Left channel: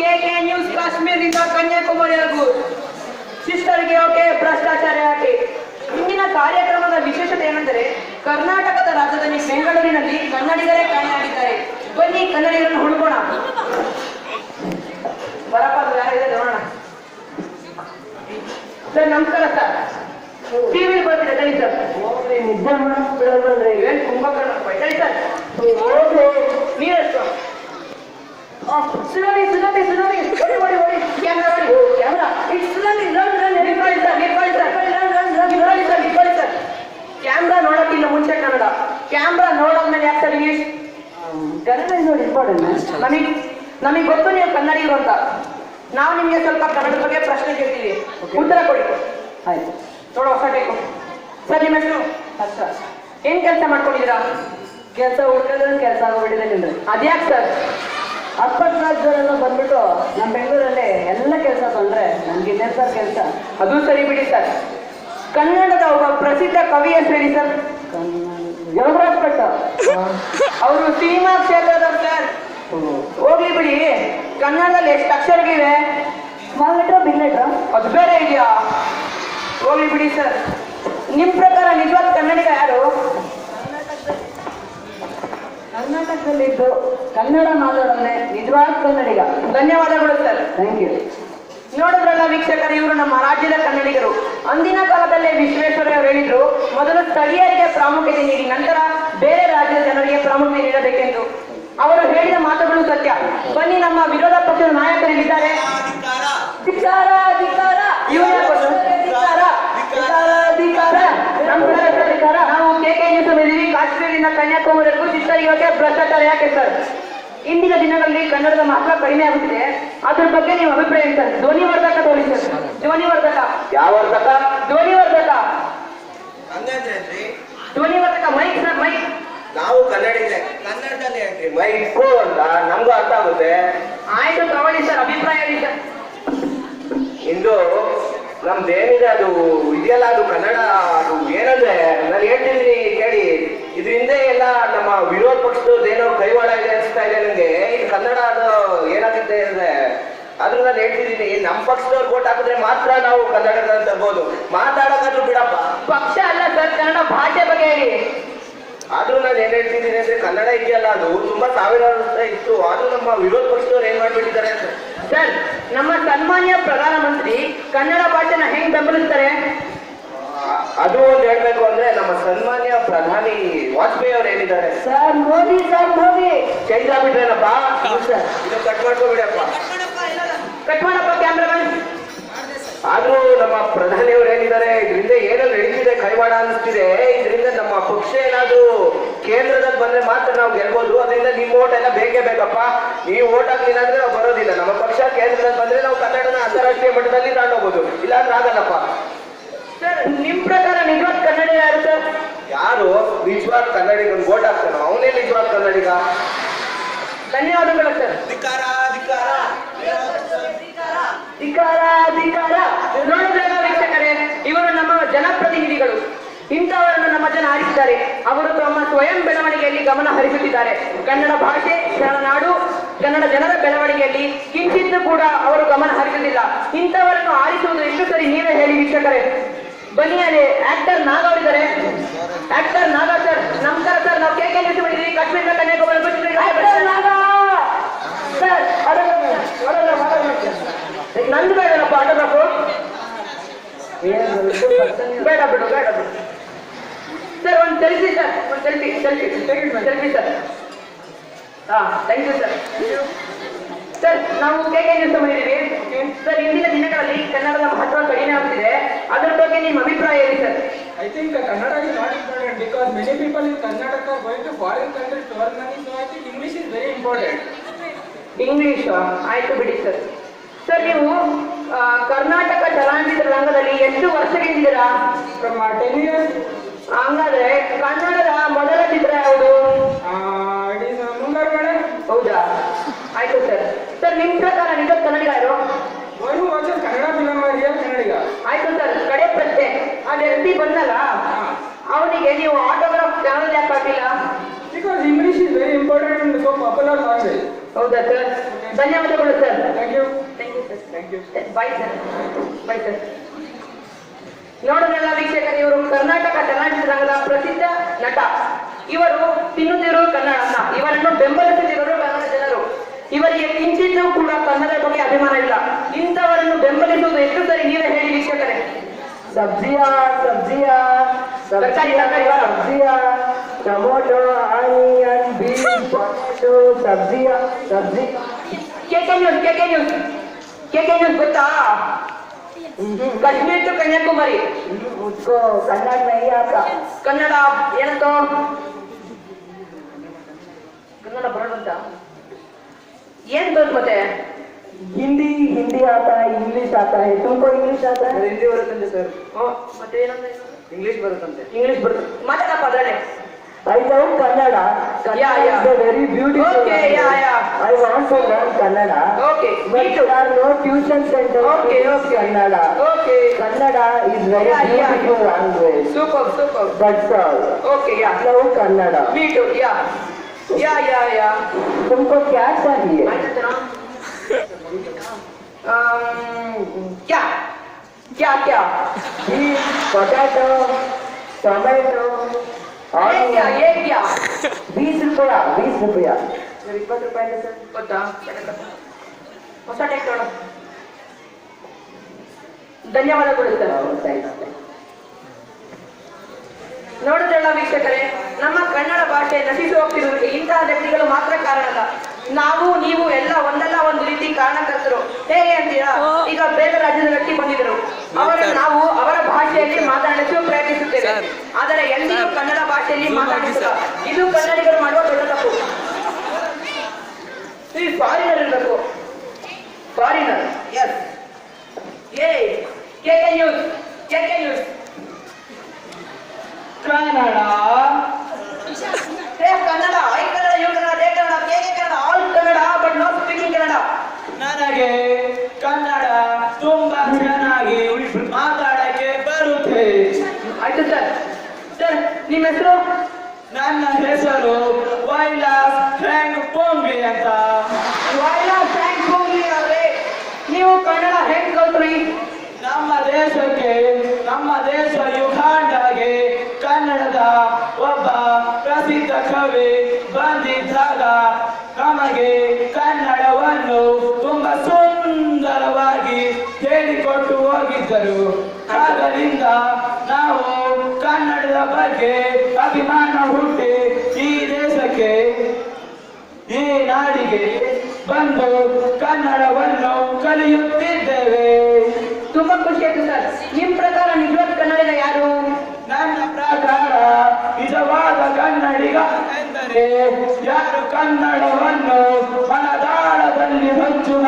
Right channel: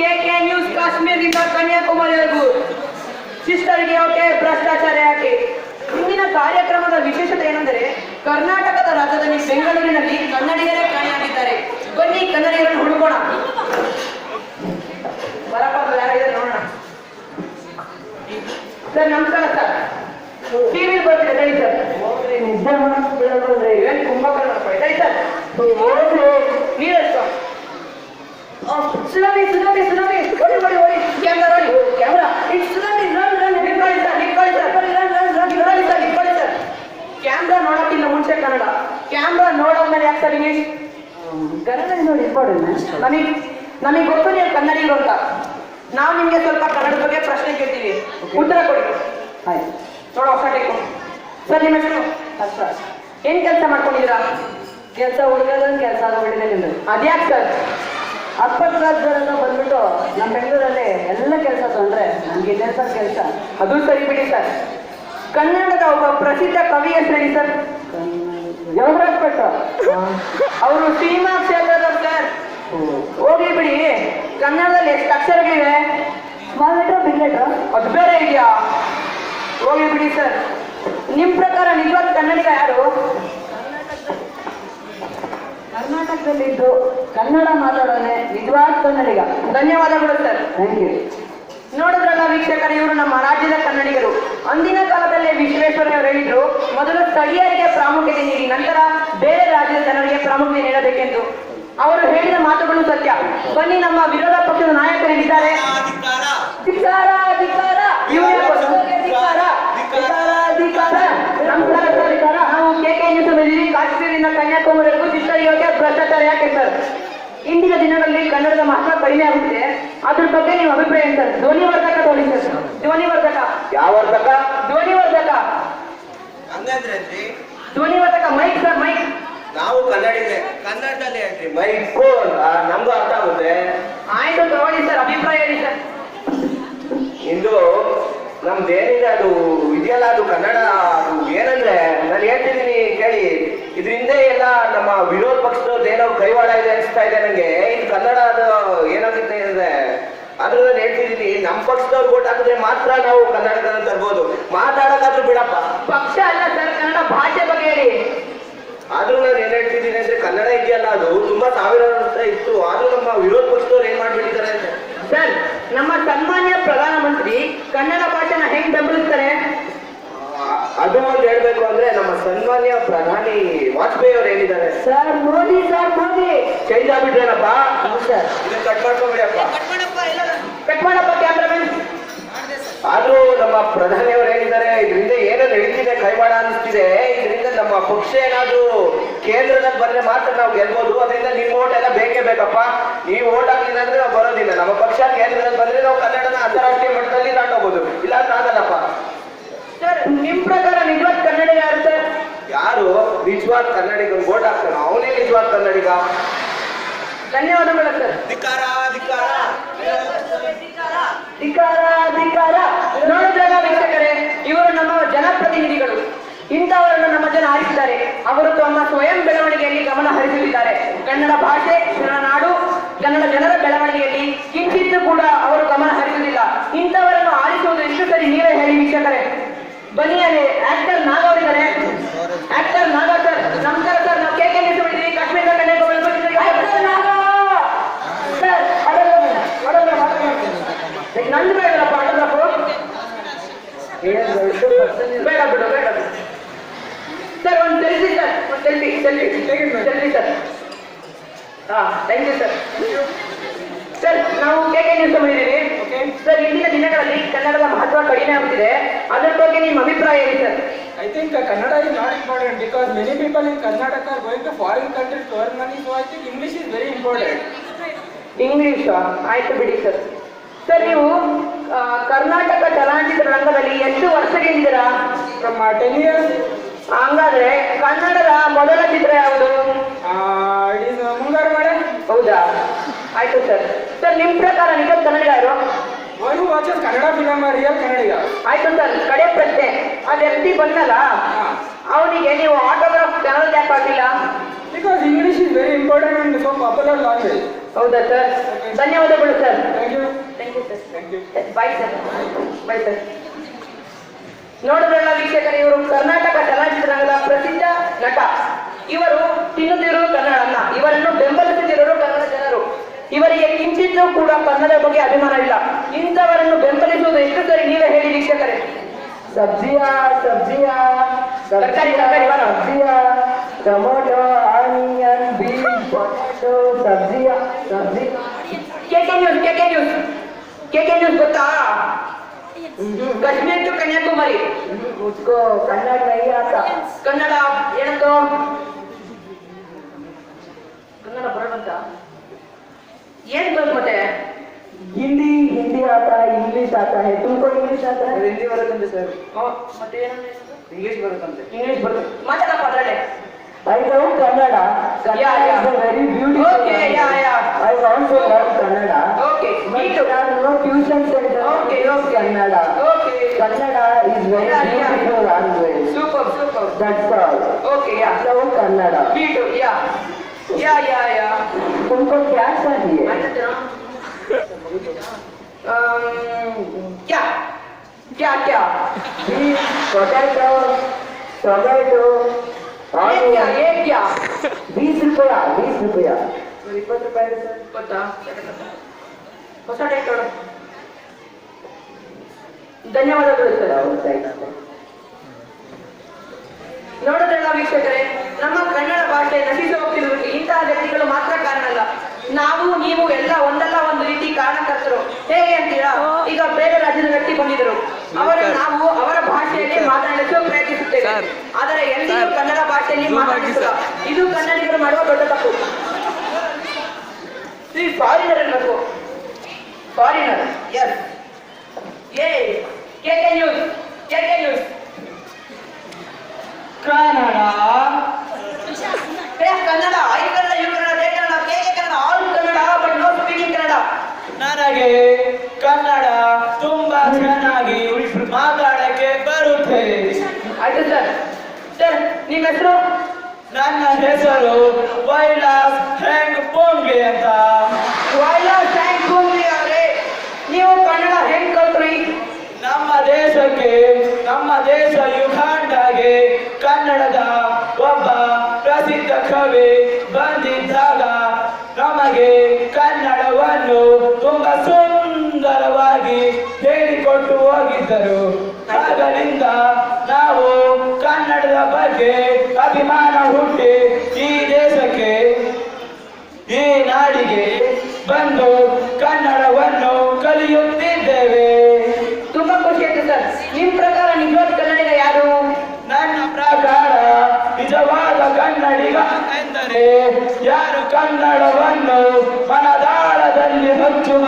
K K news ಕಾಶ್ಮೀರದಿಂದ ಕನ್ಯಾಕುಮಾರಿವರೆಗೂ ಶಿಸ್ತರಿಗೆ okay, ಭ್ರಷ್ಟಾಚಾರ ಯಾಕೆ? ಇಂದಿನ ಕಾರ್ಯಕ್ರಮದ ವಿಶೇಷತೆ ಏನೆಂದರೆ ಕರ್ನಾಟಕದ ರಾಜಧಾನಿ ಬೆಂಗಳೂರಿನಲ್ಲಿ ಕನ್ನಡಿಗರೇ ಕಾಣೆಯಾಗಿದ್ದಾರೆ. ಬನ್ನಿ ಕನ್ನಡಿಗರನ್ನು ಹುಡುಕೋಣ. ಬರಪ್ಪ ಯಾರಿದೆ ನೋಡೋಣ. ಸರ್ ನಮಸ್ಕಾರ ಸರ್. ಟಿವಿ ಬರ್ತಿದೆ ತಡಿ ಸರ್. ನಿದ್ದೆ ಏನು ಕುಂಭಕರ್ಣ ತಡಿ ಸರ್. ನೀರೆಷ್ಟು ಸುನಾಮಿ ಸುನಾಮಿ ಸುನಾಮಿ ಓಡಿ ಓಡಿ ಓಡಿ ಕ್ಯಾಮ್ರಾ ಓಡಿ camera it's tsunami run run ನಿಂತ್ಕೊಳ್ಳಿ ಸರ್ ನಿಂತ್ಕೊಳ್ಳಿ ಸರ್ ನಿಂತ್ಕೊಳ್ಳಿ ಸರ್ ನಿಂತ್ಕೊಳ್ಳಿ ಸರ್. ಕ್ಯಾಮ್ರಾ ನೋಡೋಕ್ಕಿಲ್ಲ ಮುಂಚೆ ಕನ್ನಡ, ಕ್ಯಾಮ್ರಾ ನೋಡೋದ್ಮೇಲೆ ಯಾಕೆ ಸರ್ ಇಂಗ್ಲೀಷ್? ಕನ್ನಡ ನೋಡಿ ಇಂಪಾರ್ಟೆಂಟ್. ನಮಗೆ ಗೊತ್ತು ನೀವು ಕನ್ನಡಿಗರು ಅಂತ. ನಾವು ನಿಮಗೆ ಸ್ವಲ್ಪ ಕನ್ನಡದ ಬಗ್ಗೆ ಪ್ರಶ್ನೆ ಕೇಳ್ತೀವಿ, ಉತ್ತರ ಕೊಡಿ. ಆಯ್ತು ನೋಡೋ ಹೊಸ ಟೇಕು. ಸರ್ ನಿಮ್ಮ ಹೆಸರು? ಸರ್ ಏನು ಕೆಲಸ ಮಾಡ್ಕೊಂಡಿದ್ದೀರಾ? ಕೆಲಸ ಹುಡುಕಿದ್ರೆ ಕೆಲಸ ಆಗೋಗ್ಬಿಟ್ಟಿದೆ. ಅದ್ಯಾಕೆ ಸರ್? ಅಕ್ಕಪಕ್ಕದ ಜನ ಬಂದ್ಬಿಟ್ಟು ನಮ್ಮ ಬೆಂಗಳೂರಲ್ಲಿ ಎಲ್ಲ ಕೆಲಸ ತೊಂದರೆ, ನಮ್ಗೆ ಇದೆ ಸರ್ ಕೆಲಸ. ಅದು ಸರಿ ಬಿಡಿ ಸರ್. ಕನ್ನಡದ ಒಬ್ಬ ಪ್ರಸಿದ್ಧ ಕವಿ ಹೆಸರು ಹೇಳಿ ಸರ್. ಯೋಗರಾಜ್ ಭಟ್. ಅವರು ಸಿನಿಮಾ ಕ್ಷೇತ್ರದವ್ರು ಸರ್. ಹೋಗ್ಲಿ ಬಿಡಿ, ಕನ್ನಡದಲ್ಲಿ ಎಷ್ಟು ಅಕ್ಷರಗಳಿವೆ? ಸ್ಮಾಲ್ ಲೆಟರ್ ಬಿಗ್ ಲೆಟರ್ ಅದು ಬೇರೆ ಇದೆಯಾ? ಹೋಗ್ಲಿ ಬಿಡಿ ಸರ್. ನಿಮ್ಮ ಪ್ರಕಾರ ನಿಜವಾದ ಕನ್ನಡಿಗ ಯಾರು? ಕರ್ನಾಟಕದಲ್ಲಿದ್ದು ಕನ್ನಡ ಮಾತಾಡೋದೇ ನಿಜವಾದ ಕನ್ನಡಿಗ. ಧನ್ಯವಾದಗಳು ಸರ್. Thank you. ನೋಡಿದ್ರಲ್ಲ ವೀಕ್ಷಕರು, ಇವರು ನಮ್ಮ ರಾಜ್ಯದ ಕನ್ನಡಿಗರು. ಅಂದಿನ ಕಾಲದಲ್ಲೇ ವಿಶ್ವೇಶ್ವರಯ್ಯ ಹೇಳಿದ್ರು, ಮೊದಲು ಸ್ಥಳೀಯರಿಗೆ ಪ್ರಾಮುಖ್ಯತೆ ನೀಡಿ ನಂತರ ಬೇರೆ ರಾಜ್ಯದ ಜನರಿಗೆ ಪ್ರಾಮುಖ್ಯತೆ ನೀಡಬೇಕೆಂದು. ಅವರು ಹೇಳಿದ ಮಾತುಗಳು ಸತ್ಯ. ಬನ್ನಿ ನಮ್ಮ ವಿರೋಧ ಪಕ್ಷದ ನಾಯಕರಿದ್ದಾರೆ. ನಾವು ಕೆಕೆ ನ್ಯೂಸ್ ಕಾಶ್ಮೀರದಿಂದ ಕನ್ಯಾಕುಮಾರಿವರೆಗೂ ಶಿಸ್ತರಿಗೆ ಭ್ರಷ್ಟಾಚಾರ ಯಾಕೆ ಸರ್? ಇಂದಿನ ದಿನಗಳಲ್ಲಿ ಕನ್ನಡದ ಮಹತ್ವ ಕಡಿಮೆ ಆಗುತ್ತಿದೆ, ಅದ್ರ ಬಗ್ಗೆ ನಿಮ್ಮ ಅಭಿಪ್ರಾಯ ಏನು ಸರ್? ಧ್ವನಿವರ್ಧಕ ತೋಳಿ ಸರ್. ಧ್ವನಿವರ್ಧಕ ಯಾವ ವರ್ಧಕ? ಧ್ವನಿವರ್ಧಕ ಧ್ವನಿವರ್ಧಕ ಮೈಕ್ ಸರ್, ಮೈಕ್. ನಾವು ಕನ್ನಡಿಗರೇ, ಕನ್ನಡದಲ್ಲಿ ಹೇಳ್ರಿ ಮೈಕ್ ಅಂತ ನಮ್ಗೂ ಅರ್ಥ ಆಗುತ್ತೆ. ಆಯ್ತು ತಗೊಳ್ಳಿ ಸರ್, ಅಭಿಪ್ರಾಯ ಹೇಳಿ ಸರ್. ಇಂದು ನಮ್ದೇನಿದೆ ಅದು ಇದೆಯಲ್ಲ, ಅದು ಕನ್ನಡ. ಅದು ಏನಂದ್ರೆ ನಾನು ಹೇಳ್ತಿದ್ದೀನಿ ಕೇಳಿ, ಇದರಿಂದ ಎಲ್ಲ ನಮ್ಮ ವಿರೋಧ ಪಕ್ಷದ ಏನೋ ಕೈವಾಡ ಇದೆ ಅನಿಸ್ತಾ ಇದೆ ನನಗೆ. ಇದು ಕನ್ನಡ ಅದು ಏನಾಗುತ್ತೆ ಅಂದ್ರೆ ಆದ್ರೂ ನಾನು ಹೇಳ್ತಿದ್ದೀನಿ, ನಮ್ಮ ಪಕ್ಷದವ್ರು ಓಟ್ ಹಾಕಿದ್ರೆ ಮಾತ್ರ ನಾವು ಕನ್ನಡದಲ್ಲಿ ತರ್ಬೋದು. ಮಾತಾಡೋಕ್ಕಾದ್ರೂ ಬಿಡಪ್ಪ. ಪಕ್ಷ ಅಲ್ಲ ಸರ್, ಕನ್ನಡ ಭಾಷೆ ಬಗ್ಗೆ ಹೇಳಿ. ಆದ್ರೂ ನಾನು ಏನ್ ಹೇಳ್ತಿದ್ದೀನಿ ಅಂದ್ರೆ ಕನ್ನಡ ಇದೆಯಲ್ಲ, ಅದು ತುಂಬಾ ಸಾವಿರಾರು ವರ್ಷ ಇತ್ತು. ಆದ್ರೂ ನಮ್ಮ ವಿರೋಧ ಪಕ್ಷದವ್ರು ಏನ್ ಮಾಡ್ಬಿಟ್ಟಿದ್ದಾರೆ ಅಂತ ಸರ್, ನಮ್ಮ ಸನ್ಮಾನ್ಯ ಪ್ರಧಾನಮಂತ್ರಿ ಕನ್ನಡ ಭಾಷೆನ ಹೆಂಗ್ ಬೆಂಬಲಿಸ್ತಾರೆ? ಅದು ಒಂದು ಹೇಳ್ಬೇಕು ಅಂದ್ರೆ ನಮ್ಮ ಸನ್ಮಾನ್ಯ ಪ್ರಧಾನಿ ವಾಜಪೇಯಿ ಅವರು ಹೇಳಿದ್ದಾರೆ. Sir Modi, sir Modi change ಆಗ್ಬಿಟ್ರೇನಪ್ಪ. ಇದು ಕಟ್ ಮಾಡ್ಕೊಬಿಡಪ್ಪ, ಕಟ್ ಮಾಡಪ್ಪ ಕ್ಯಾಮ್ರಾಮನ್. ಆದ್ರೂ ನಮ್ಮ ಪ್ರಧಾನಿ ಅವರು ಹೇಳಿದ್ದಾರೆ, ಇದರಿಂದ ಏನೋ ನಡೀತಿದೆ, ಕೈವಾಡ ಅನಿಸ್ತಿದೆ. ಇದರಿಂದ ನಮ್ಮ ಪಕ್ಷ ಏನಾದ್ರು ಕೇಂದ್ರದಲ್ಲಿ ಬಂದ್ರೆ ಮಾತ್ರ ನಾವು ಗೆಲ್ಬಹುದು. ಅದರಿಂದ ನಿಮ್ಮ ಓಟ್ ಎಲ್ಲ ಬೇಕೇ ಬೇಕಪ್ಪ. ನೀವು ಓಟ್ ಹಾಕ್ಲಿಲ್ಲ ಅಂದ್ರೆ ನಾವು ಬರೋದಿಲ್ಲ. ನಮ್ಮ ಪಕ್ಷ ಕೇಂದ್ರದಲ್ಲಿ ಬಂದ್ರೆ ನಾವು ಕನ್ನಡನ ಅಂತಾರಾಷ್ಟ್ರೀಯ ಮಟ್ಟದಲ್ಲಿ ತಗೊಂಡೋಗ್ಬೋದು, ಇಲ್ಲ ಅಂದ್ರೆ ಆಗಲ್ಲಪ್ಪ. ಸರ್ ನಿಮ್ ಪ್ರಕಾರ ನಿಜವಾದ ಕನ್ನಡ ಯಾರು ಸರ್? ಯಾರು ನಿಜವಾದ ಕನ್ನಡಿಗ ಓಟ್ ಹಾಕ್ತಾನ ಅವನೇ ನಿಜವಾದ ಕನ್ನಡಿಗ. ಧನ್ಯವಾದಗಳು ಸರ್. ಧಿಕ್ಕಾರ ಧಿಕ್ಕಾರ ಧಿಕ್ಕಾರ ಧಿಕ್ಕಾರ. ನೋಡಿದಾಗ ವೀಕ್ಷಕರೇ, ಇವರು ನಮ್ಮ ಜನಪ್ರತಿನಿಧಿಗಳು. ಇಂಥವರನ್ನು ನಮ್ಮ ಜನ ಆರಿಸಿದ್ದಾರೆ. ಅವರು ತಮ್ಮ ಸ್ವಯಂ ಬೆಳವಣಿಗೆಯಲ್ಲಿ ಗಮನ ಹರಿಸುತ್ತಿದ್ದಾರೆ. ಕನ್ನಡ ಭಾಷೆ, ಕನ್ನಡ ನಾಡು, ಕನ್ನಡ ಜನರ ಬೆಳವಣಿಗೆಯಲ್ಲಿ ಕಿಂಚಿತ್ತೂ ಕೂಡ ಅವರು ಗಮನ ಹರಿಸುವುದಿಲ್ಲ. ಇಂಥವರನ್ನು ಆರಿಸುವುದು ಎಷ್ಟು ಸರಿ ನೀವೇ ಹೇಳಿ ವೀಕ್ಷಕರೇ. ಬನ್ನಿ, ಅಲ್ಲಿ ಆಕ್ಟರ್ ನಾಗ ಅವರಿದ್ದಾರೆ. ಆಕ್ಟರ್ ನಾಗ ಸರ್ ನಮಸ್ಕಾರ ಸರ್. ನಾವು ಕೆಕೆ ನ್ಯೂಸ್ ಮಾಡಿದ್ದೀವಿ, ಕಾಶ್ಮೀರದ ಕನ್ಯಾಕುಮಾರಿ ಸರ್. ನಂದು ಬೇಡಪ್ಪ ಆಟೋಗ್ರಾಫು, ಬೇಡ ಬಿಡು ಬೇಡ ಸರ್. ಒಂದು selfie sir, selfie selfie selfie sir. ಹಾ ಥ್ಯಾಂಕ್ ಯು ಸರ್. ಸರ್ ನಾವು ಕೆಕೆ ನ್ಯೂಸ್ ಮಾಡಿದ್ದೀವಿ ಸರ್. ಇಂದಿನ ದಿನಗಳಲ್ಲಿ ಕನ್ನಡದ ಮಹತ್ವ ಕಡಿಮೆ ಆಗುತ್ತಿದೆ, ಅದರ ಬಗ್ಗೆ ನಿಮ್ಮ ಅಭಿಪ್ರಾಯ ಹೇಳಿ sir. I think Kannada is not important because many people in Karnataka are going to foreign countries to earn money, so I think English is very important. English ಆಯ್ತು ಬಿಡಿ ಸರ್. ಸರ್ ನೀವು ಕರ್ನಾಟಕ ಚಲನಚಿತ್ರ ರಂಗದಲ್ಲಿ ಎಷ್ಟು ವರ್ಷಗಳಿದ್ದೀರಾ? From 10 years. ಹಂಗಾದ್ರೆ ಕನ್ನಡದ ಮೊದಲ ಚಿತ್ರ ಯಾವುದು? It is Mungaru Male. ಹೌದಾ, ಆಯ್ತು ಸರ್. ಸರ್ ನಿಮ್ ಪ್ರಕಾರ ನಿಜವಾದ ಕನ್ನಡಿಗ ಯಾರು? Why who watches Kannada film are real Kannadiga? ಆಯ್ತು ಸರ್. ಕಡೆ ಪ್ರಶ್ನೆ, ಆ ವ್ಯಕ್ತಿ ಬಂದಲ್ಲ, ಅವನಿಗೆ ನೀವು ಆಟೋಗ್ರಾಫ್ ಕನ್ನಡ ಯಾಕೆ ಹಾಕಿಲ್ಲ? Because English is very important and so popular language. ಹೌದಾ ಸರ್? ಧನ್ಯವಾದಗಳು sir. Thank you. Thank you sir. Bye sir. Bye sir. ನೋಡಿದ್ರಲ್ಲ ವೀಕ್ಷಕರು, ಇವರು ಕರ್ನಾಟಕ ಚಲನಚಿತ್ರರಂಗದ ಪ್ರಸಿದ್ಧ ನಟ. ಇವರು ತಿನ್ನುತ್ತಿರುವ ಕನ್ನಡನ್ನ, ಇವರನ್ನು ಬೆಂಬಲಿಸುತ್ತಿರುವ ಕನ್ನಡ ಜನರು. ಇವರಿಗೆ ಕಿಂಚಿತ್ತೂ ಕೂಡ ಕನ್ನಡ ಬಗ್ಗೆ ಅಭಿಮಾನ ಇಲ್ಲ. ಇಂಥವರನ್ನು ಬೆಂಬಲಿಸುವುದು ಎಷ್ಟು ಸರಿ ನೀವೇ ಹೇಳಿ ವೀಕ್ಷಕರೇ. ಸಬ್ಜಿಯಾ ತರಕಾರಿ ಸಬ್ಜಿಯಾ ಟೊಮೊಟೊ ಆನಿಯನ್ ಬೀನ್ಸ್ ಟೊಮೆಟೊ ಸಬ್ಜಿಯಾ ಕೆಕೆ ನ್ಯೂಸ್ ಗೊತ್ತಾ? ಕಾಶ್ಮೀರ್ ಟು ಕನ್ಯಾಕುಮಾರಿ. उसको कन्नड़ नहीं आता. ಕನ್ನಡ ಏನಂತ? ಕನ್ನಡ ಬರೋದಂತ ಏನ್ ಗೊತ್ತು ಮತ್ತೆ? हिंदी आता है, इंग्लिश आता है. तुमको इंग्लिश आता है? ಹಿಂದಿ ಬರುತ್ತಂತೆ ಸರ್. ಮತ್ತೆ ಏನಂದ್ರೆ ಇಂಗ್ಲಿಷ್ ಬರುತ್ತಂತೆ. ಇಂಗ್ಲಿಷ್ ಬರುತ್ತೆ. ಮಾತಾಡಪ್ಪ ಅದ್ರಲ್ಲೇ. I love Kannada. Kannada is a very beautiful Okay, language. yeah. I want to learn Kannada. Okay, But me too. there are no tuition centers Okay, in okay. Kannada. Okay. Kannada is very Yeah. beautiful language. Super. That's all. Okay, yeah. I love Kannada. Me too, yeah. तुमको क्या चाहिए? क्या? Beef, potato, tomato, onion. ये क्या? 20 रुपया. 20 ರೂಪಾಯಿ ಗೊತ್ತಾ? ಹೊಸ ಟೈಪ್ ನೋಡು. ಧನ್ಯವಾದಗಳು ಸರ್. ನೋಡಿದ್ರಲ್ಲ ವೀಕ್ಷಕರೇ, ನಮ್ಮ ಕನ್ನಡ ಭಾಷೆ ನಶಿಸಿ ಹೋಗ್ತಿರೋದಕ್ಕೆ ಇಂತಹ ವ್ಯಕ್ತಿಗಳು ಮಾತ್ರ ಕಾರಣ ಅಲ್ಲ. ನಾವು ನೀವು ಎಲ್ಲ ಒಂದಲ್ಲ ಒಂದು ರೀತಿ ಕಾರಣಕರ್ತರು. ಹೇಗೆ ಅಂತೀರಾ? ಈಗ ಬೇರೆ ರಾಜ್ಯದ ವ್ಯಕ್ತಿ ಬಂದಿದ್ದರು, ನಾವು ಅವರ ಭಾಷೆಯಲ್ಲಿ ಮಾತನಾಡಿಸಲು ಪ್ರಯತ್ನಿಸುತ್ತೇವೆ, ಆದರೆ ಎಲ್ಲಿಯೂ ಕನ್ನಡ ಭಾಷೆಯಲ್ಲಿ ಮಾತನಾಡಿಸಲ್ಲ. ಇದು ಕನ್ನಡಿಗರು ಮಾಡುವ ದೊಡ್ಡ ತಪ್ಪು. ಫಾರಿನರ್ ಇರಬೇಕು. Foreigner, yes. K K news. Kannada, I Kannada, you Kannada, they Kannada, K K Kannada, all Kannada, but no speaking Kannada. ನನಗೆ ಕನ್ನಡ ತುಂಬಾ ಚೆನ್ನಾಗಿ ಮಾತಾಡಕ್ಕೆ ಬರುತ್ತೆ. ಆಯ್ತು ಸರ್. ನಿಮ್ಮ ಹೆಸರು? ನನ್ನ ಹೆಸರು ವೈಲಾಸ್ ಹೆಂಗ್ ಪೋಂಗೆ ಅಂತ. ಅವರೇ, ನೀವು ಕನ್ನಡ ಹೆಂಗ್ ಕಲ್ತ್ರಿ? ನಮ್ಮ ದೇಶ ಯುಗಾಂಡಗೆ ಕನ್ನಡದ ಒಬ್ಬ ಪ್ರಸಿದ್ಧ ಕವಿ ಬಂದಿದ್ದಾಗ ನಮಗೆ ಕನ್ನಡವನ್ನು ತುಂಬಾ ಸುಂದರವಾಗಿ ಹೇಳಿಕೊಟ್ಟು ಹೋಗಿದ್ದರು. ಆದ್ದರಿಂದ ನಾವು ಕನ್ನಡದ ಬಗ್ಗೆ ಅಭಿಮಾನ ಹುಟ್ಟಿ ಈ ದೇಶಕ್ಕೆ, ಈ ನಾಡಿಗೆ ಬಂದು ಕನ್ನಡವನ್ನು ಕಲಿಯುತ್ತಿದ್ದೇವೆ. ತುಂಬಾ ಖುಷಿ ಆಯ್ತು ಸರ್. ನಿಮ್ ಪ್ರಕಾರ ನಿಜವಾದ ಕನ್ನಡಿಗ ಯಾರು? ನನ್ನ ಪ್ರಕಾರ ನಿಜವಾದ ಕನ್ನಡಿಗ ಎಂದರೆ ಯಾರು ಕನ್ನಡವನ್ನು ಮನದಾಳದಲ್ಲಿ ಹಚ್ಚುವ